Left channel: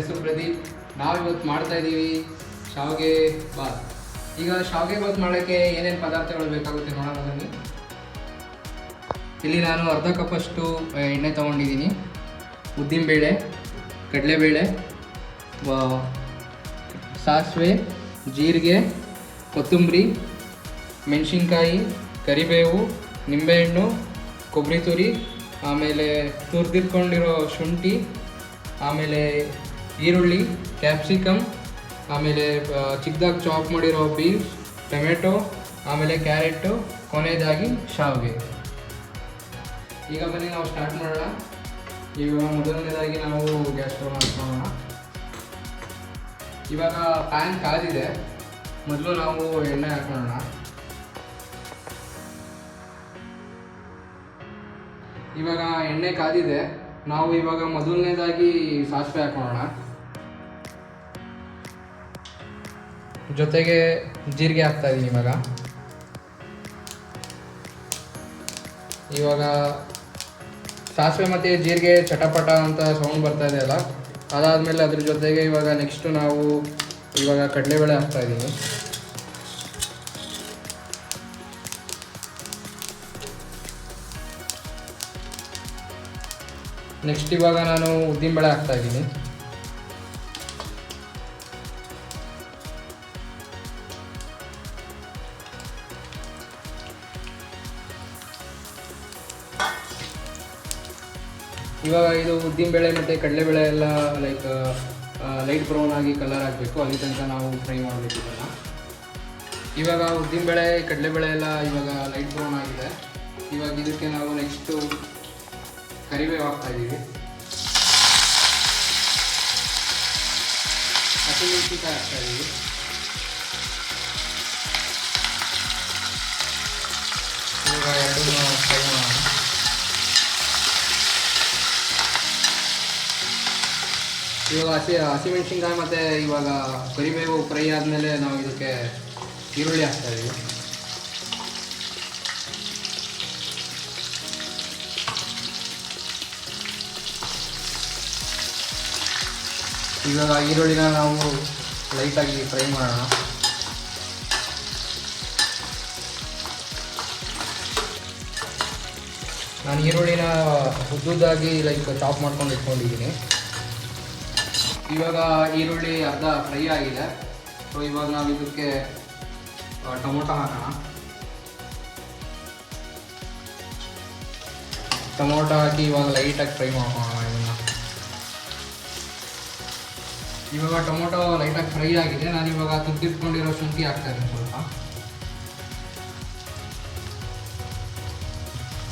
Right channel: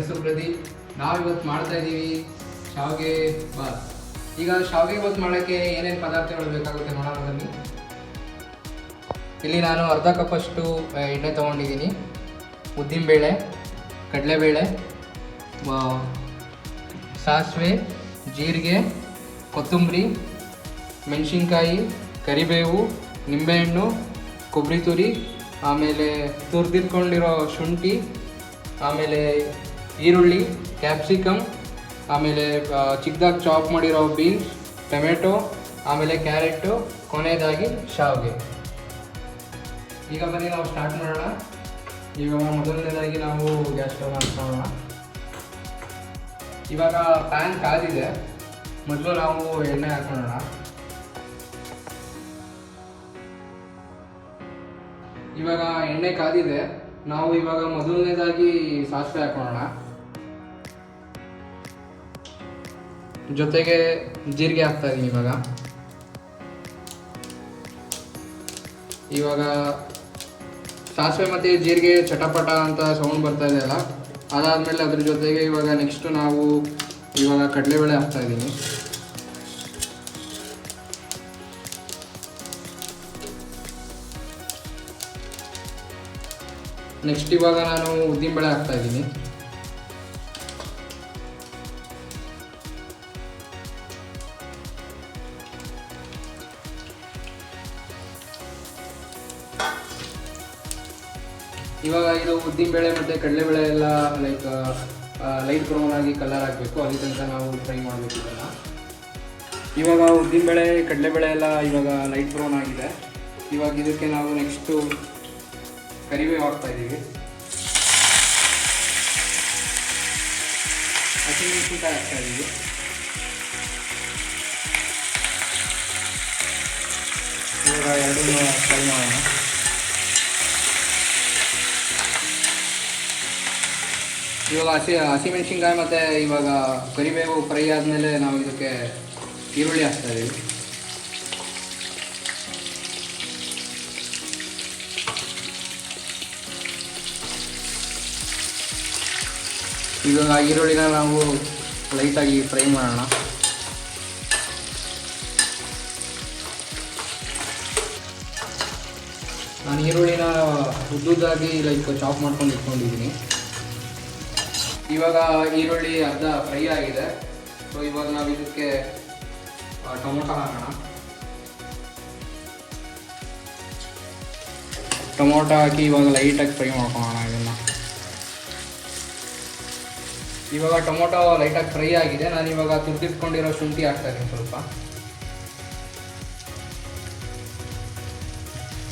ಹೆಸರು ಪ್ರದೀಪ್. ನಾವಿವತ್ತು ಮಾಡ್ತಾ ಇದ್ದೀವಿ ಶಾವಿಗೆ ಬಾತ್. ಈಗ ಶಾವಿಗೆ ಬಾತ್ ಮಾಡೋಕ್ಕೆ ಏನೇನು ಪದಾರ್ಥಗಳು ಬೇಕಾಗುತ್ತೆ ನೋಡೋಣ ಬನ್ನಿ. ಇಲ್ಲಿ ನಾನು ಅರ್ಧ ಕಪ್ಪಷ್ಟು ಎಣ್ಣೆ ತೊಗೊಂಡಿದ್ದೀನಿ. ಉದ್ದಿನಬೇಳೆ, ಕಡಲೆಬೇಳೆ, ಸಾಸಿವೆ, ಜೀರಿಗೆ, ಕೊತ್ತಂಬರಿ, ಮೆಣಸಿನ್ಕಾಯಿ, ಕರಿಬೇವು, ನಿಂಬೆಹಣ್ಣು, ಕೊಬ್ಬರಿ ತುರಿ, ಆಮೇಲೆ ತುರಿದಿಟ್ಕೊಂಡಿರೋ ಶುಂಠಿ, ಆಮೇಲೆ ಈರುಳ್ಳಿ, ಕ್ಯಾಪ್ಸಿಕಮ್, ಆಮೇಲೆ ಚಿಕ್ಕದಾಗಿ ಚಾಪ್ ಮಾಡಿರೋ ಬೀನ್ಸ್, ಟೊಮೆಟೊ, ಆಮೇಲೆ ಕ್ಯಾರೆಟು, ಕೊನೆಯದಾಗಿ ಶಾವಿಗೆ. ಈಗ ಬನ್ನಿ ನಾವು ಸ್ಟಾರ್ಟ್ ಮಾಡೋಣ. ಈಗ ಮೊದಲನೇದಾಗಿ ನಾವು ಗ್ಯಾಸ್ ಸ್ಟವ್ ಹಚ್ಕೊಳ್ಳೋಣ. ಇವಾಗ ಪ್ಯಾನ್ ಕಾದಿದೆ. ಮೊದಲು ನಾವು ಎಣ್ಣೆ ಹಾಕೊಳ್ಳೋಣ. ಇವಾಗ ಎಣ್ಣೆ ಕಾದಿದೆ. ನಾವು ಇವಾಗ ಮೊದಲನೇದಾಗಿ ಸಾಸಿವೆ ಹಾಕೊಳ್ಳೋಣ. ಜೊತೆಗೆ ಜೀರಿಗೆ ಹಾಕ್ತಾ ಇದ್ದೀನಿ. ಇವಾಗ ಸಾಸಿವೆ ಮತ್ತು ಜೀರಿಗೆ ಚಟಪಟ ಅಂತ ಸೌಂಡ್ ಬರ್ತಾ ಇದೆ ಅಲ್ಲ, ಅದಾದಮೇಲೆ ಅದ್ರ ಜೊತೆಗೆ ಇವಾಗ ನೆಕ್ಸ್ಟು ನಾವು ಇವಾಗ ಕಡಲೆಬೇಳೆ ಹಾಕ್ತಾ ಇದ್ದೀನಿ. ನೆಕ್ಸ್ಟ್ ಇವಾಗ ನಾನು ಉದ್ದಿನಬೇಳೆ ಹಾಕ್ತಾ ಇದ್ದೀನಿ. ಇವಾಗ ಇದು ಉದ್ದಿನಬೇಳೆ ಮತ್ತು ಕಡಲೆಬೇಳೆ ಎಲ್ಲ ಲೈಟ್ ಬ್ರೌನ್ ಆಗಿ ಕಲರ್ ಆಗಬೇಕು. ಅಲ್ಲಿ ತನಕ ನಾವು ಫ್ರೈ ಮಾಡಬೇಕು ಇದನ್ನು. ಇವಾಗ ಉದ್ದಿನಬೇಳೆ ಕಡಲೆಬೇಳೆ ಎಲ್ಲ ಇವಾಗ ಲೈಟ್ ಬ್ರೌನ್ ಆಗಿದೆ. ಇವಾಗ ಇದಕ್ಕೆ ನಾವು ನೆಕ್ಸ್ಟು ಕರಿಬೇವು ಹಾಕ್ತಾ ಇದ್ದೀವಿ. ಹಸಿಮೆಣಸಿನಕಾಯಿ ಹಾಕ್ತಾ ಇದ್ದೀವಿ. ಇವಾಗ ಎರಡೂ ಫ್ರೈ ಮಾಡೋಣ. ಇವಾಗ ಹಸಿಮೆಣಸಿನ್ಕಾಯಿ ಮತ್ತು ಇವಾಗ ಕರಿಬೇವು ಫ್ರೈ ಆದಮೇಲೆ ನಾವು ಇದಕ್ಕೆ ಈರುಳ್ಳಿ ಹಾಕ್ತಾ ಇದ್ದೀವಿ. ಇವಾಗ ಈರುಳ್ಳಿನ ನಾವು ಲೈಟಾಗಿ ಫ್ರೈ ಮಾಡೋಣ. ನಾನು ಈರುಳ್ಳಿನ ಉದ್ದುದ್ದಾಗಿ ಚಾಪ್ ಮಾಡ್ಕೊಂಡು ಇಟ್ಕೊಂಡಿದ್ದೀನಿ. ಇವಾಗ ಈರುಳ್ಳಿ ಅರ್ಧ ಫ್ರೈ ಆಗಿದೆ. ಸೊ ಇವಾಗ ನಾವು ಇದಕ್ಕೆ ಟೊಮೊಟೊ ಹಾಕೋಣ. ಟೊಮೊಟೊ ಹಾಕಿ ಇವಾಗ ಲೈಟಾಗಿ ಫ್ರೈ ಮಾಡ್ಕೊಳ್ಳೋಣ. ಇವಾಗ ಟೊಮೊಟೊ ಲೈಟಾಗಿ ಫ್ರೈ ಆಗಿದೆ. ನಾನು ಇವಾಗ ತುರಿದಿಟ್ಕೊಂಡಿರೋ ಶುಂಠಿ ಹಾಕ್ತಾ ಇದ್ದೀನಿ ಸ್ವಲ್ಪ.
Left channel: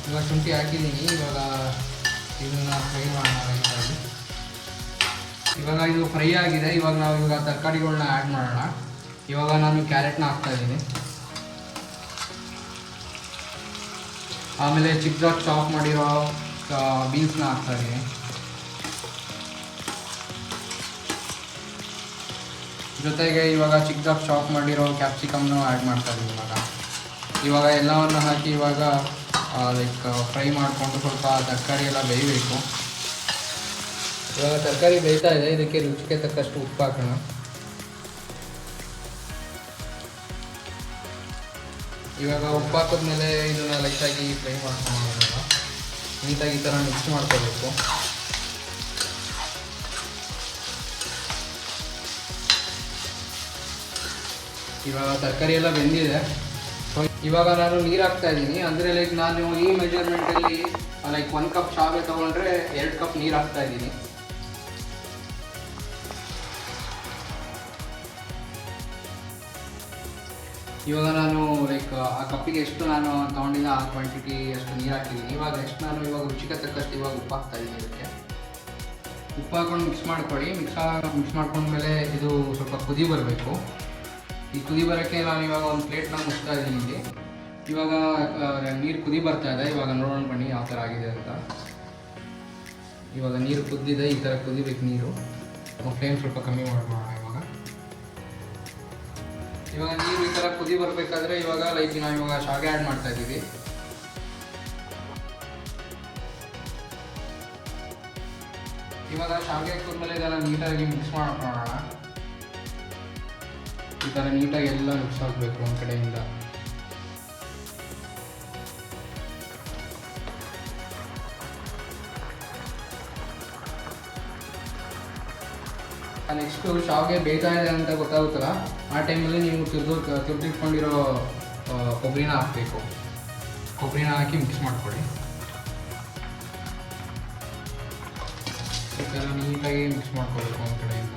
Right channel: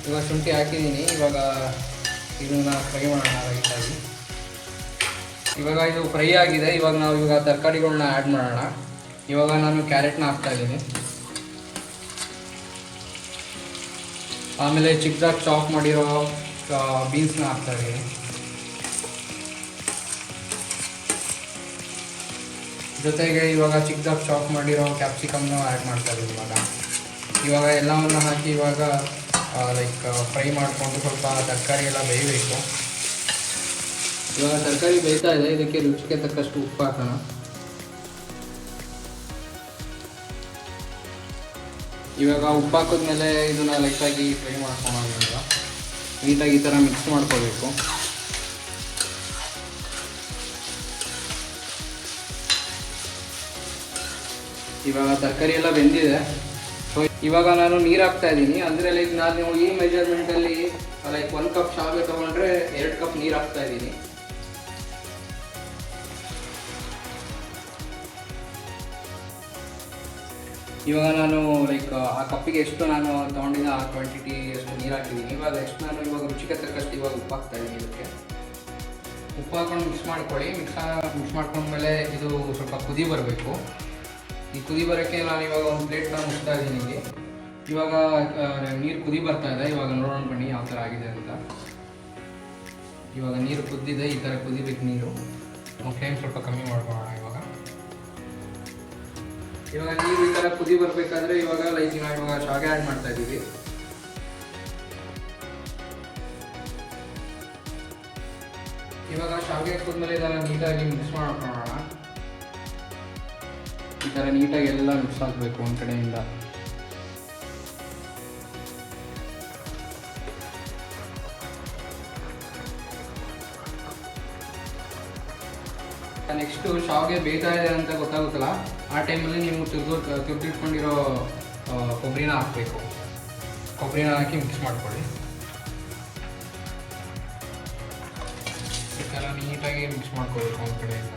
ಇವಾಗ ಶುಂಠಿ ಹಾಕಿದ್ದೀನಿ. ಇವಾಗ ಇದನ್ನು ಫ್ರೈ ಮಾಡೋಣ ಲೈಟಾಗಿ. ಇವಾಗ ಇದು ಫ್ರೈ ಆಗಿದೆ. ಇವಾಗ ನಾವು ಇವಾಗ ತರಕಾರಿಗಳನ್ನ ಆ್ಯಡ್ ಮಾಡೋಣ. ಇವಾಗ ನಾನು ಕ್ಯಾರೆಟ್ನ ಹಾಕ್ತಾ ಇದ್ದೀನಿ. ಆಮೇಲೆ ಚಿಕ್ಕದಾಗಿ ಚಾಪ್ ಮಾಡಿರೋ ಬೀನ್ಸ್ನ ಹಾಕ್ತಾ ಇದ್ದೀನಿ. ಜೊತೆಗೆ ಇವಾಗ ಚಿಕ್ಕದಾಗಿ ಚಾಪ್ ಮಾಡಿರೋ ಕ್ಯಾಪ್ಸಿಕಮ್ನು ಆ್ಯಡ್ ಮಾಡ್ತಾ ಇದ್ದೀನಿ. ಇವಾಗ ಎಲ್ಲವನ್ನು ಹಾಕಿ ಇವಾಗ ಫ್ರೈ ಮಾಡಿಕೊಂಡು ಸ್ವಲ್ಪ ತರಕಾರಿ ಎಲ್ಲ ಬೇಯಬೇಕು. ಇವಾಗ ತರಕಾರಿ ಬೇಯ್ತಾ ಇದೆ. ಇದಕ್ಕೆ ರುಚಿಗೆ ತಕ್ಕಷ್ಟು ಉಪ್ಪು ಹಾಕೋಣ. ಇವಾಗ ಉಪ್ಪು ಹಾಕಿದ್ಮೇಲೆ ಇದನ್ನ ಲೈಟಾಗಿ ಫ್ರೈ ಮಾಡ್ಕೊಳ್ಳೋಣ. ನೀಟಾಗಿ ಈ ಥರ ಮಿಕ್ಸ್ ಮಾಡ್ಕೋಬೇಕು. ಇವಾಗ ತರಕಾರಿ ಎಲ್ಲ ಬೆಂದಿದೆ. ಸೊ ಇವಾಗ ನಾನು ನೀರು ಹಾಕ್ತಾ ಇದ್ದೀನಿ. ಅಂದರೆ ನಾನು ಈ ಮೆಜರ್ಮೆಂಟಲ್ಲಿ 1 ಕಪ್ ಶಾವಿಗೆ ತೊಗೊಂಡ್ರೆ 2 ಕಪ್ ನೀರು ಹಾಕ್ತಾ ಇದ್ದೀನಿ. ಇವಾಗ ನಾನು ಆ ಕಪ್ಪಿಗೆ ಎಷ್ಟು ನಾನು ತೊಗೊಂಡಿದ್ದ ಆ ಕ್ವಾಂಟಿಟಿ ಎಷ್ಟು ನೀರು ಹಾಕಿದ್ದೀನಿ. ಇವಾಗ ಇವಾಗ ರುಚಿಗೆ ತಕ್ಕಷ್ಟು ಇವಾಗ ಉಪ್ಪು ಹಾಕ್ತಾ ಇದ್ದೀನಿ. ಇದಕ್ಕೆ ಉಪ್ಪು ಹಾಕೊಂಡು ಮಿಕ್ಸ್ ಮಾಡ್ಕೊಳ್ಳಿ. ಮಿಕ್ಸ್ ಮಾಡ್ಕೊಂಡ್ಮೇಲೆ ಇದು ಸ್ವಲ್ಪ ಕುದಿ ಬರಬೇಕು. ಈ ಕುದಿ ಬರೋಕ್ಕೆ ನಾನು ಇವಾಗ ಒಂದು ಪ್ಲೇಟ್ನ ಮುಚ್ತಾ ಇದ್ದೀನಿ. ಇಲ್ಲಿ ಇವಾಗ ನೀರು ಕುದಿ ಬರ್ತಾ ಇದೆ. ಇವಾಗ ನೋಡೋಣ ಬನ್ನಿ ಯಾವ ಥರ ಆಗಿದೆ ಅಂತ. ಇವಾಗ ನೀರು ಕುದ್ದಿದೆ. ಈ ಥರ ಕುದಿಬೇಕು ನೀರು. ಫ್ಲೇಮ್ ಸ್ವಲ್ಪ ಕಮ್ಮಿ ಮಾಡ್ಕೊಳ್ಳೋಣ. ಇವಾಗ ನೀರು ಈ ಥರ ಕುದಿ ಬರಬೇಕಾದ್ರೆ ಇವಾಗ ನಾವು ಶಾವಿಗೆ ಆ್ಯಡ್ ಮಾಡ್ತಾ ಇದ್ದೀವಿ. ಇವಾಗ ಶಾವಿಗೆ ಹಾಕಿದ್ಮೇಲೆ ಇದೆಲ್ಲ ನೀಟಾಗಿ ಮಿಕ್ಸ್ ಮಾಡ್ಕೊಳ್ಳೋಣ. ಈ ಥರ ನೀಟಾಗಿ ಎಲ್ಲ ಮಿಕ್ಸ್ ಆಗಬೇಕು ಒಂದು ಕಡೆಯಿಂದ. ನೆಕ್ಸ್ಟು ಶಾವಿಗೆ ಬೇಯ್ತಾ ಇದೆ ಅಂತ ಗೊತ್ತಾಗುತ್ತಲ್ಲ, ಆ ಟೈಮಲ್ಲಿ ನೀವು ತುರಿದಿಟ್ಕೊಂಡಿರೋ ಕೊಬ್ಬರಿನ ಹಾಕಬೇಕು. ಕೊಬ್ಬರಿನ ಹಾಕಿ ಮಿಕ್ಸ್ ಮಾಡ್ಕೊಳ್ಳಿ. ಈ ಥರ ನೀಟಾಗಿ ಮಿಕ್ಸ್ ಮಾಡ್ಕೊಳ್ಬೇಕು ಒಂದು ಕಡೆಯಿಂದ.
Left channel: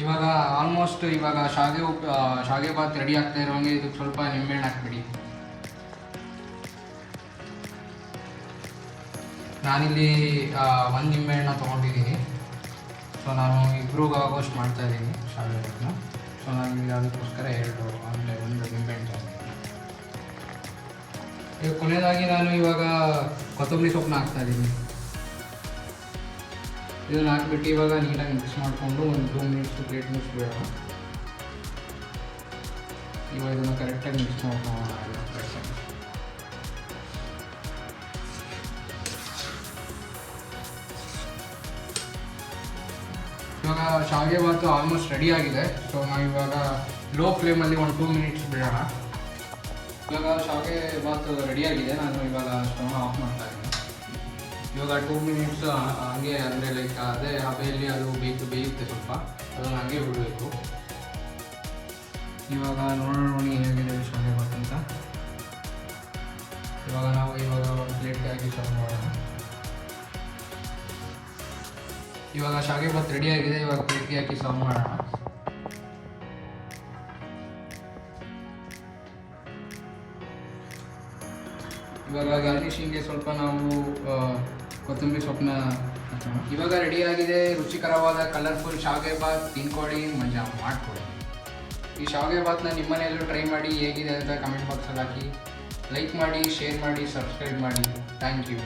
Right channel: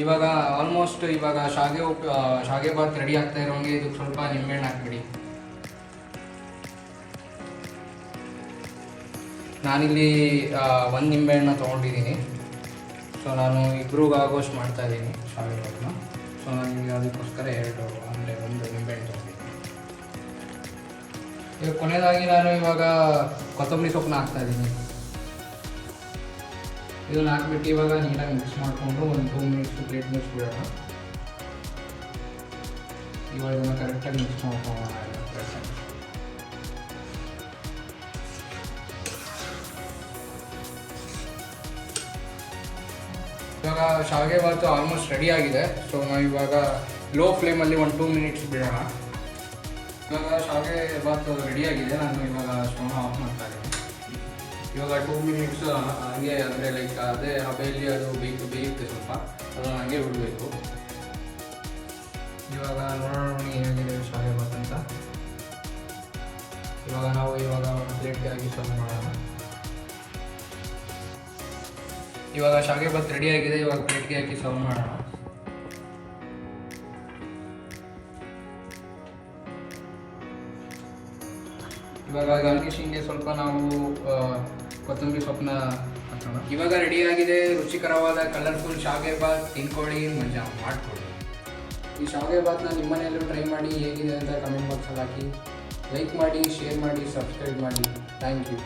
ಇವಾಗ ಆಲ್ಮೋಸ್ಟ್ ಇವಾಗ ಶಾವಿಗೆ ಬಾತ್ ರೆಡಿ ಆಗ್ತಾ ಇರೋಂಗೆ ಇದಕ್ಕೆ ಸ್ವಲ್ಪ ನಿಂಬೆಹಣ್ಣು ಹಾಕ್ಬಿಡಿ. ನಾನಿಲ್ಲಿ 1 ನಿಂಬೆಹಣ್ಣು ತೊಗೊಂಡಿದ್ದೀನಿ. ಸೊ ನಾನು ಇಬ್ರಿಗಾಗೋಷ್ಟು ಮಾಡ್ತಾಯಿದ್ದೀನಿ ಶಾವಿಗೆ ಬಾತನ್ನ. ಸೊ ನಾನು ಅದಕ್ಕೋಸ್ಕರ ಒಂದು ನಿಂಬೆಹಣ್ಣು ತೊಗೊಂಡಿದ್ದೀನಿ. ಈಗ ಕೊನೆಯದಾಗಿ ನಾನು ಇವಾಗ ಕೊತ್ತಂಬರಿ ಸೊಪ್ಪನ್ನ ಹಾಕ್ತಾಯಿದ್ದೀನಿ. ಇದನ್ನು ಹಾಕ್ಬಿಟ್ಟು ಇವಾಗ ನೀಟಾಗಿ ಮಿಕ್ಸ್ ಮಾಡಿಕೊಂಡು ಒಂದು 2 ಮಿನಿಟ್ಸ್ ಪ್ಲೇಟ್ ಮಿಕ್ಸ್ ಬಿಡೋಣ. ಇವಾಗ ಇದನ್ನು ಕರೆಕ್ಟಾಗಿ ಮಿಕ್ಸ್ ಮಾಡ್ಕೊಳ್ಳೋಣ. ಇವಾಗ ಶಾವಿಗೆ ಬಾತು ಆಲ್ಮೋಸ್ಟ್ ರೆಡಿ ಆಗಿದೆ. ಸೊ ನಾವು ಇವಾಗ ಲೋ ಫ್ಲೇಮಲ್ಲಿ ಒಂದು 2 ಮಿನಿಟ್ಸ್ ಬಿಡೋಣ. ಇವಾಗ ಶಾವಿಗೆ ಬಾತು ರೆಡಿಯಾಗಿದೆ. ನಾನು ಇವಾಗ ಸ್ಟವ್ನ ಆಫ್ ಮಾಡ್ತಾ ಇದ್ದೀನಿ. ಇವಾಗ 2 ಮಿನಿಟ್ಸ್ ಹಂಗೆ ಅಂದರೆ ಲೈಕ್ ಅದೇ ಹಬೆಯಲ್ಲಿ ಅದು ಬೇಯುತ್ತೆ ಸ್ವಲ್ಪ, ಅದನ್ನು ಹಂಗೆ ಬಿಡಬೇಕು. ಇವಾಗ ನೋಡೋಣ ಹೇಗಿದೆ ಶಾವಿಗೆ ಬಾತ್ ಅಂತ. ಇವಾಗ ನಾವು ಒಂದು ಪ್ಲೇಟ್ಗೆ ಹಾಕಿ ಸರ್ವ್ ಮಾಡೋಣ. ಇವಾಗ ಶಾವಿಗೆ ಬಾತ್ ರೆಡಿಯಾಗಿದೆ. ಇವಾಗ ಪ್ಲೇಟ್ಗೆ ಹಾಕಿ ಸರ್ವ್ ಮಾಡೋಣ. ಇವಾಗ ಗಾರ್ನಿಷಿಂಗ್ಗೆ ಸ್ವಲ್ಪ ನಾವು ಕೊತ್ತಂಬರಿ ಸೊಪ್ಪನ್ನ ಹಾಕೋಣ. ಇವಾಗ ರೆಡಿಯಾಗಿದೆ ರುಚಿಕರವಾದ ಕಲರ್ಫುಲ್ ಶಾವಿಗೆ ಬಾತ್. ತಿನ್ಕೊಳ್ಳಿ, ಮಜಾ ಮಾಡ್ಕೊಳ್ಳಿ. ಈ ಶಾವಿಗೆ ಬಾತ್ನ ನಿಮ್ಮ ಮನೆಯಲ್ಲೂ ಟ್ರೈ ಮಾಡಿ, ಹೇಗಿದೆ ಅಂತ ಕಮೆಂಟ್ ಬಾಕ್ಸಲ್ಲಿ ಹಾಕಿ. ಲೈಕ್ ಮಾಡಿ, ಶೇರ್ ಮಾಡಿ, ಸಬ್ಸ್ಕ್ರೈಬ್ ಮಾಡಿ. Thank you.